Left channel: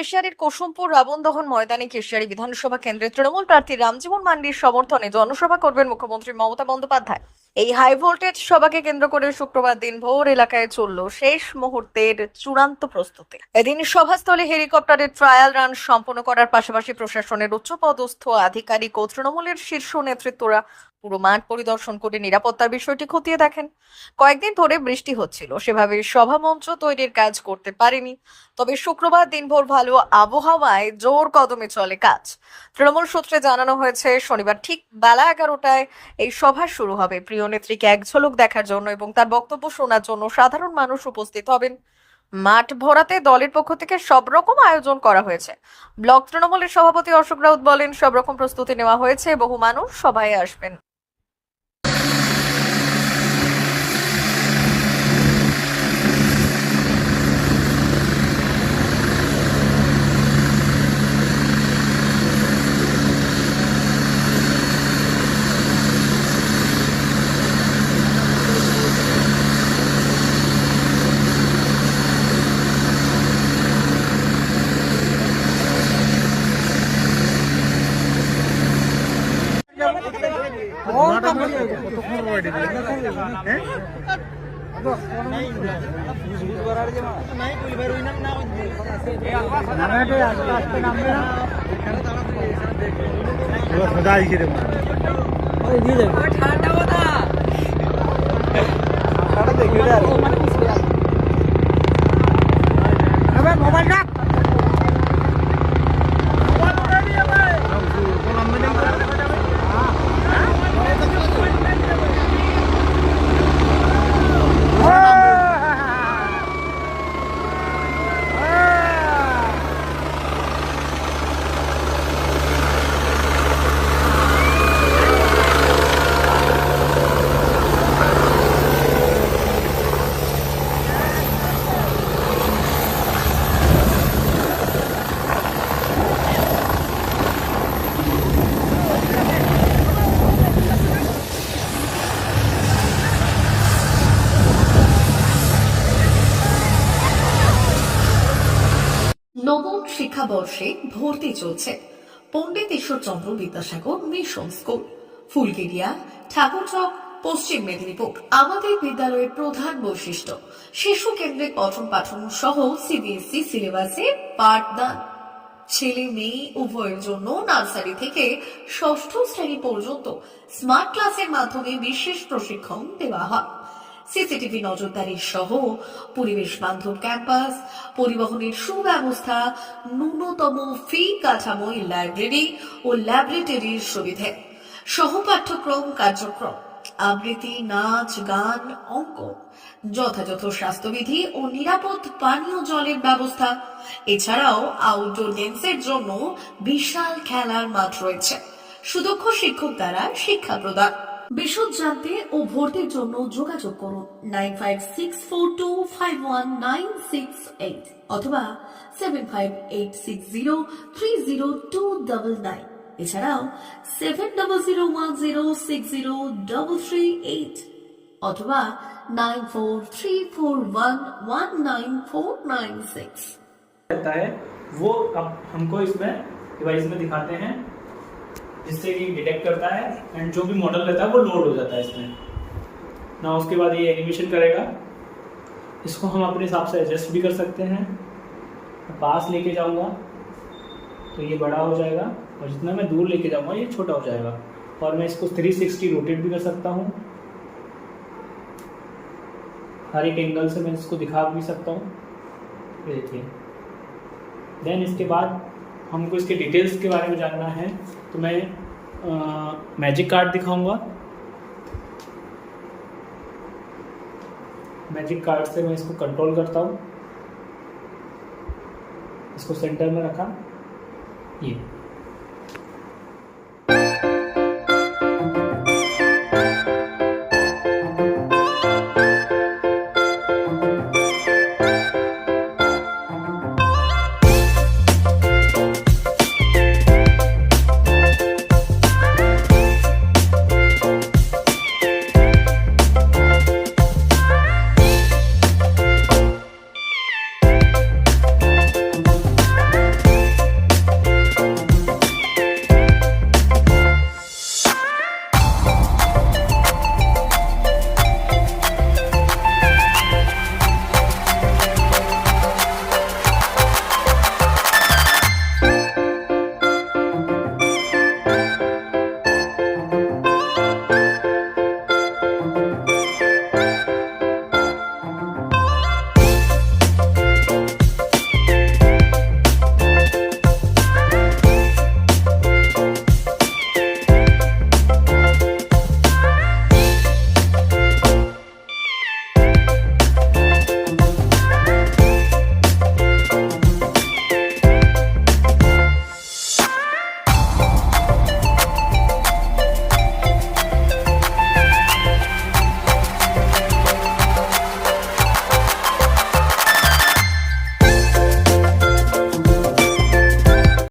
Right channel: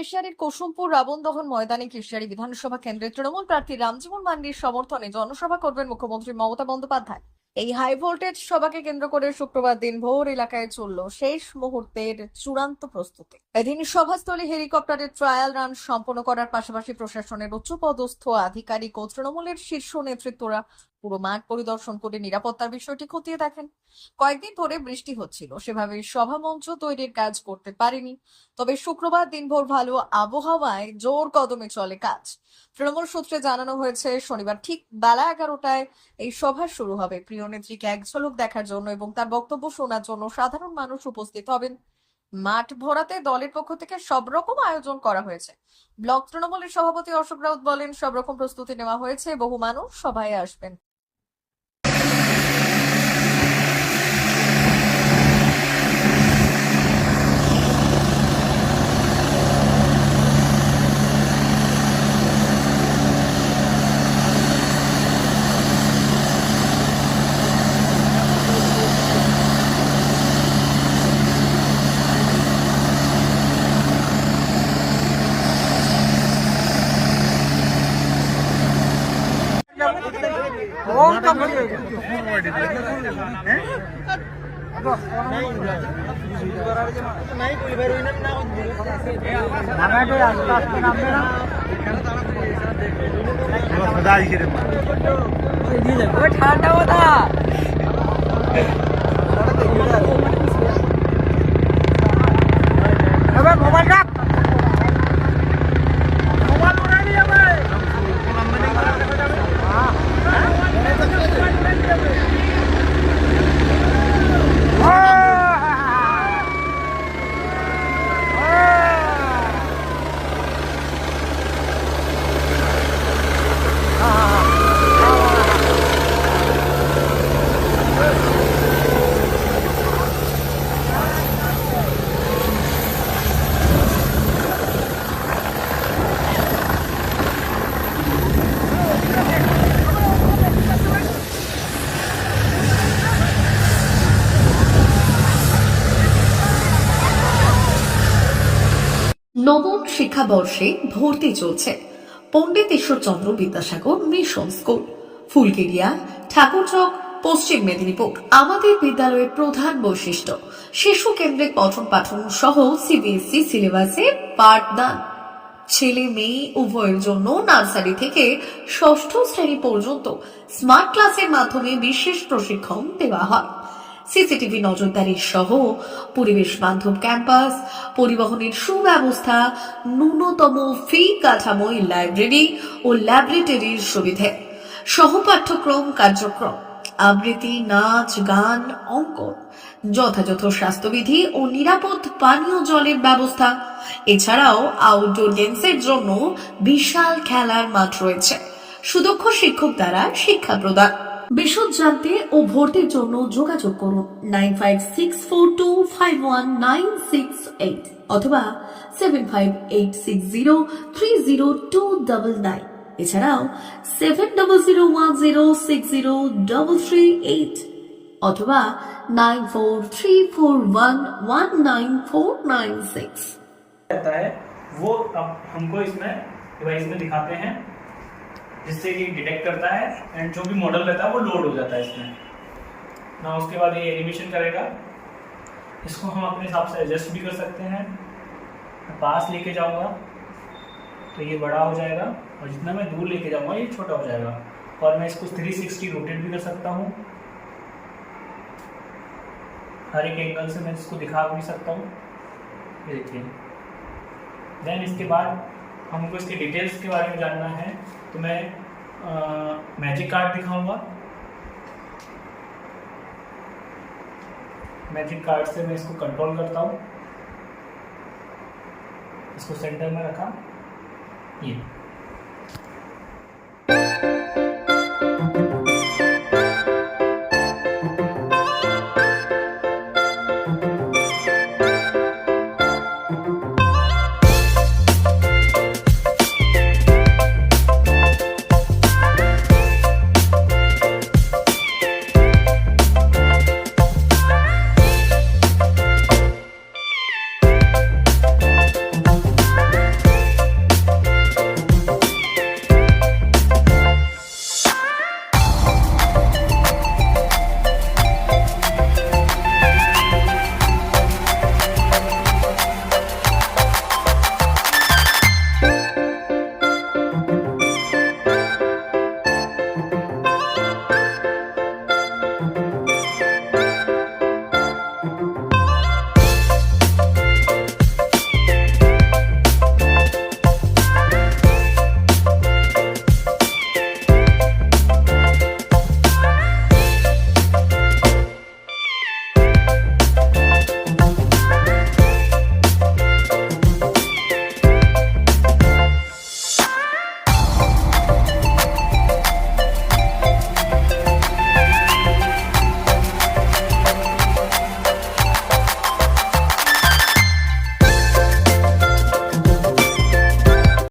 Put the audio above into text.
কেশিয়ারির কুসুমপুর রাবণদহন ময়দানে কেশিয়ারি বিধানসভা কেন্দ্রের তৃণমূল প্রার্থী রামজীবন মান্ডির সমর্থনে জনসভা করবেন মুখ্যমন্ত্রী মমতা বন্দ্যোপাধ্যায়। এই হাই ভোল্টেজ সভাকে কেন্দ্র করে শুক্রবার দিনভর এলাকায় চলল শেষ মুহূর্তের চূড়ান্ত প্রস্তুতি। এদিন সভাস্থলে হেলিকপ্টারের ট্রায়াল রান সম্পন্ন করার পাশাপাশি প্রশাসনের উচ্চপদস্থ আধিকারিক ও তৃণমূলের শীর্ষ নেতৃত্বরা পুরো মাঠ পরিদর্শন করে নিরাপত্তার বিষয়টি খতিয়ে দেখেন। কয়েকদিন ধরে বৃষ্টি হচ্ছিল, সেভাবে সভামঞ্চ তৈরির কাজ করতে পারেনি। তবে শুক্রবার দিনভর ভালো আবহাওয়ায় জোর কদমে চলে কাজ। তৃণমূল সূত্রে জানানো হয়েছে শনিবার ঠিক বেলা 11টায় এই সভা শুরু হবে। প্রিয় নেত্রীকে এক ঝলক দেখার জন্য এবং তার বক্তব্য শোনার জন্য সাধারণ মানুষ উপস্থিত হবেন। মাঠ ভরাতে দলের পক্ষ থেকে সব রকম আয়োজন করা হয়েছে। ব্লক তৃণমূলের সভাপতি অশোক রাউত বলেন, সব রকম প্রস্তুতি নেওয়া হয়েছে, বহু মানুষ সভায় আসবেন। নবম শিক্ষাবর্ষে ভর্তি চলছে পণ্ডিত ঈশ্বরচন্দ্র বিদ্যাসাগর মিশন স্কুল, ফুলকেরিয়া, ঠাকুরচক, পশ্চিম মেদিনীপুর। আমাদের বিদ্যালয়ের প্রধান বৈশিষ্ট্য শিশু কেন্দ্রিক পঠন পাঠন সহ সিবিএসই সিলেবাসে পাঠদান। ছেলে মেয়ে উভয়ের জন্য নার্সারি থেকে ষষ্ঠ শ্রেণী পর্যন্ত স্মার্ট ক্লাসের মাধ্যমে বিশেষ প্রশিক্ষণ দেওয়া হয়। সিসিটিভি নজরদারি সহ পরিবেশ বান্ধব ক্যাম্পাস, পরিবহনের সুব্যবস্থা, ন্যূনতম ফি কাঠামোয় লাইব্রেরি ও ল্যাবরেটরির সুবিধে, সহপাঠ্যক্রম কার্যক্রম, আবৃত্তি, নাচ, গান, অঙ্কন, যথাযথ স্বাস্থ্যবিধি ও নিরাপদ পানীয় জলের ব্যবস্থা। এছাড়াও আউটডোর গেমসের জন্য বিশাল খেলার মাঠ রয়েছে। সুদক্ষ শিক্ষক দ্বারা শিক্ষা প্রদান। বিশদ জানতে ও ভর্তির জন্য যোগাযোগ করুন 9564251968 অথবা 7586030299। এছাড়াও 7001060338 অথবা 9434119496 रहता है वो अब हमको इसमें डिवाइस में दिखाते हैं, जिससे ये डिटेक्ट करता है एंड जो भी मॉडल रहता है वो लोड हो जाता है इसमें ना। उसके बाद ये एनिमेशन करेगा, इसको हम अपने हिसाब से एडजस्ट भी कर सकते हैं। मैं पास लेके जाऊंगा तो ये बड़ा हो जाएगा और जितना मैं दूर लेके जाऊंगा ये छोटा हो जाएगा। और मैं इसको 360 रोटेट भी कर सकता हूँ, हर एक एंगल से मैं इसको दिखा भी सकता हूँ। देखिए, देन इसके बाद हमको इसके डिटेल्स के बारे में जानना है तो मैं मैजिक कार्ड दिखाऊंगा। मैजिक कार्ड से मैं इसको कंट्रोल करता हूँ, इसको सेंटर में रखा, ये